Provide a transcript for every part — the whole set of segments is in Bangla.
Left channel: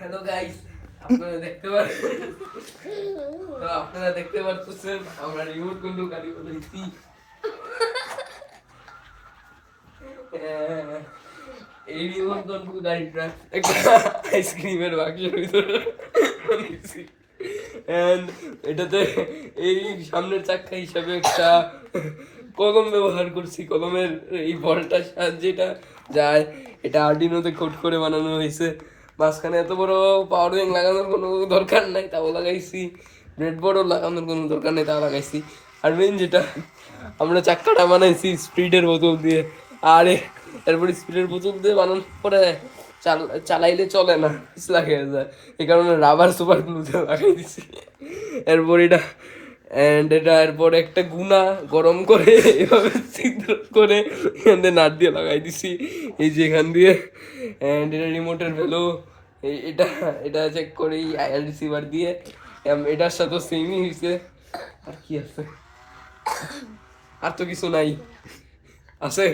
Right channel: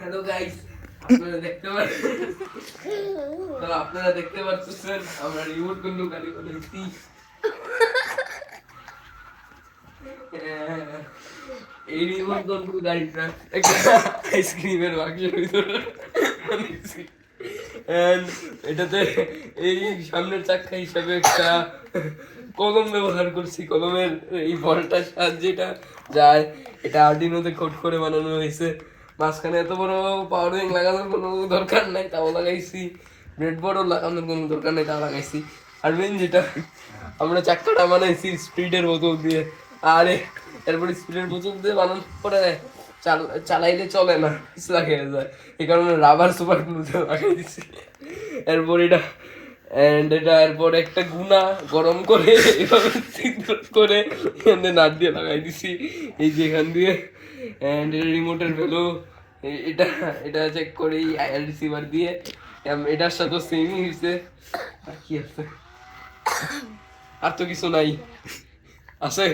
হ্যালো গাইস, আপনারা দেখতে পাচ্ছেন আমরা রিমোট কন্ট্রোল গাড়ি বলেছি। এই রিমোট কন্ট্রোল গাড়িটা একটা আইসক্রিমের বাক্সের ভিতরে বানিয়েছি। এটাতে এই সামনের চাকা হিসাবে একটা কলম ব্যবহার করছি। কলমের এই বলটার সাহায্যে এটা যায়। এটা আর্ডিনোতে কোড করে বানানো হয়েছে। মাঝখানে এত বড় পাওয়ার ব্যাংক লাগানোর কোনো দরকার নাই, তাও লাগাইছি। ব্রেডবোর্ডও লাগানোর কোনো দরকার নেই, তাও লাগাইছি। আর মেন যেটা, আমরা চাক্কাটা বানাইছি স্পিডের বোতল দিয়ে। আর এরপরে স্পিডের বোতল দিয়ে বানানোর পরে চালাইলে চলে না, পিছলা খেয়ে যায়। এই কারণে রাবার সুপার গ্লু দিয়ে লাগাই দিছি। এরপর এটা এরপর একটা গুনা গরম করে এভাবে ছিদ্র করে এখান দিয়ে নাট দিয়ে লাগাই দিছি এই যে এখান দিয়ে। অ্যান্ড এটা রিমোটের ভ্যালু এটা এটা চেক করি রিসিভার দিয়ে। এটার সাথে সেমই হয়েছে। আর কি আছে? আর তো কিছু নাই আছে।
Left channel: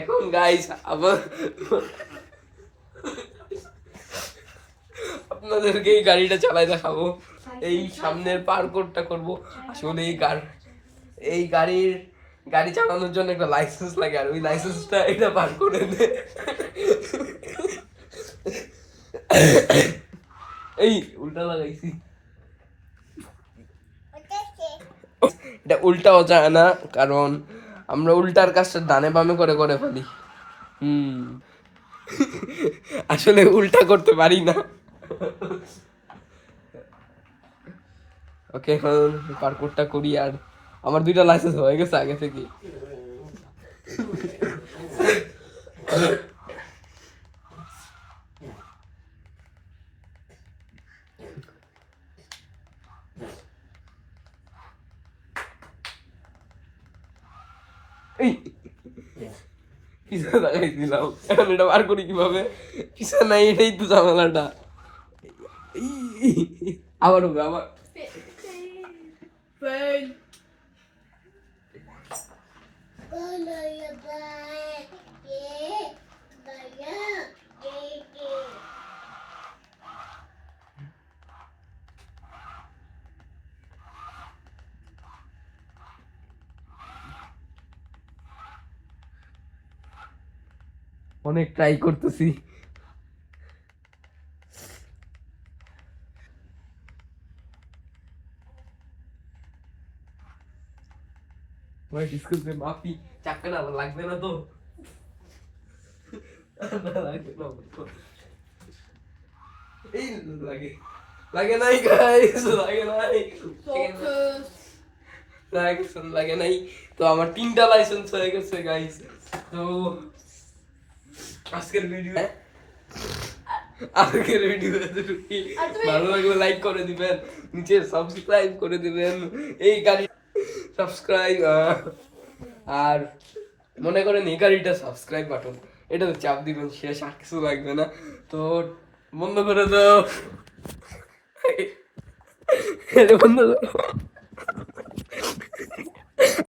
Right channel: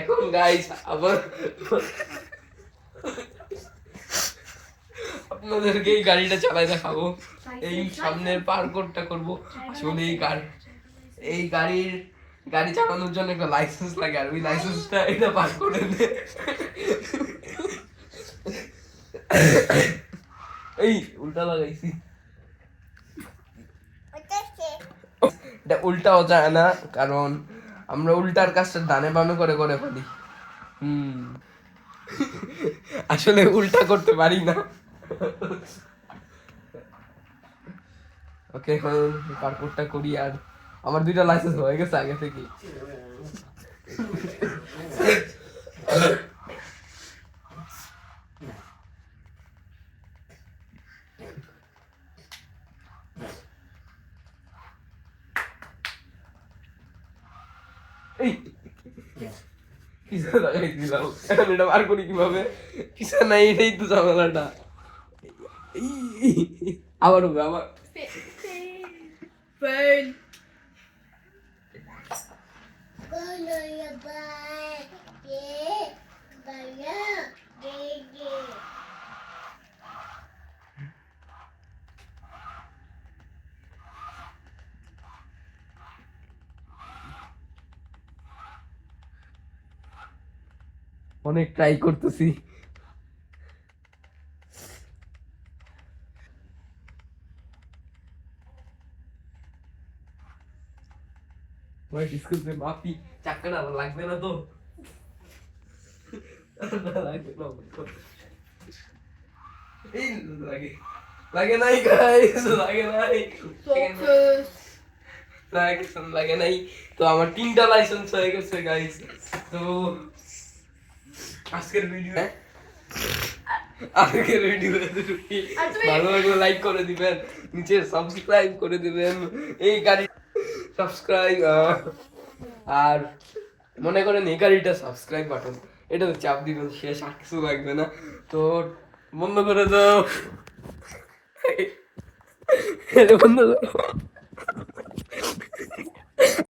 এখন গাইস আবার আপনাদেরকে এই গাড়িটা চালাই দেখাবো। এই সামনের পার্কটা করব। আসলে এই গাড়ি চালানোর জন্য একটা লাইসেন্স লাগে, আর ওই লাইসেন্সটা এটা পার করে দে। এই উল্টা লাগাইছি, এটা উল্টাও যায় না, কারণ আমরা উল্টার কাজটা ডানে বামে করে করে ফেলি। আসলে উল্টা করতে পারি না। ওকে, এখন পার্কটা করি। আর আমার 2টা লাইসেন্স হয়ে গেছে আগে থেকে। এই কিসা লাগাই দিলাম, এখন এটা বার করি কিভাবে? কিসা নাই, এটাই তো ঝামেলাটা। আবার হবে আবার। অনেক ট্রাই করতেছি। মাফি চাক্কাটা আবার লাগবে না তো? এই লাগে লাগে নাই গাইস, লাগে নাই, লাগে নাই। তো আমার 3টা লাইসেন্স হয়ে গেছে গাইস। তো আজকের ভিডিও ভালো লাগলে লাইক করে দিবেন, নিচে সাবস্ক্রাইব করে দিবেন এই গাড়ি সাবস্ক্রাইব। আর মনে করেন এই গাড়িটা সাবস্ক্রাইব বাটন, এটা চাপ দিবেন, শেষ, আর কিছু লাগবে না। তো বন্ধ করে দাও, বন্ধ করে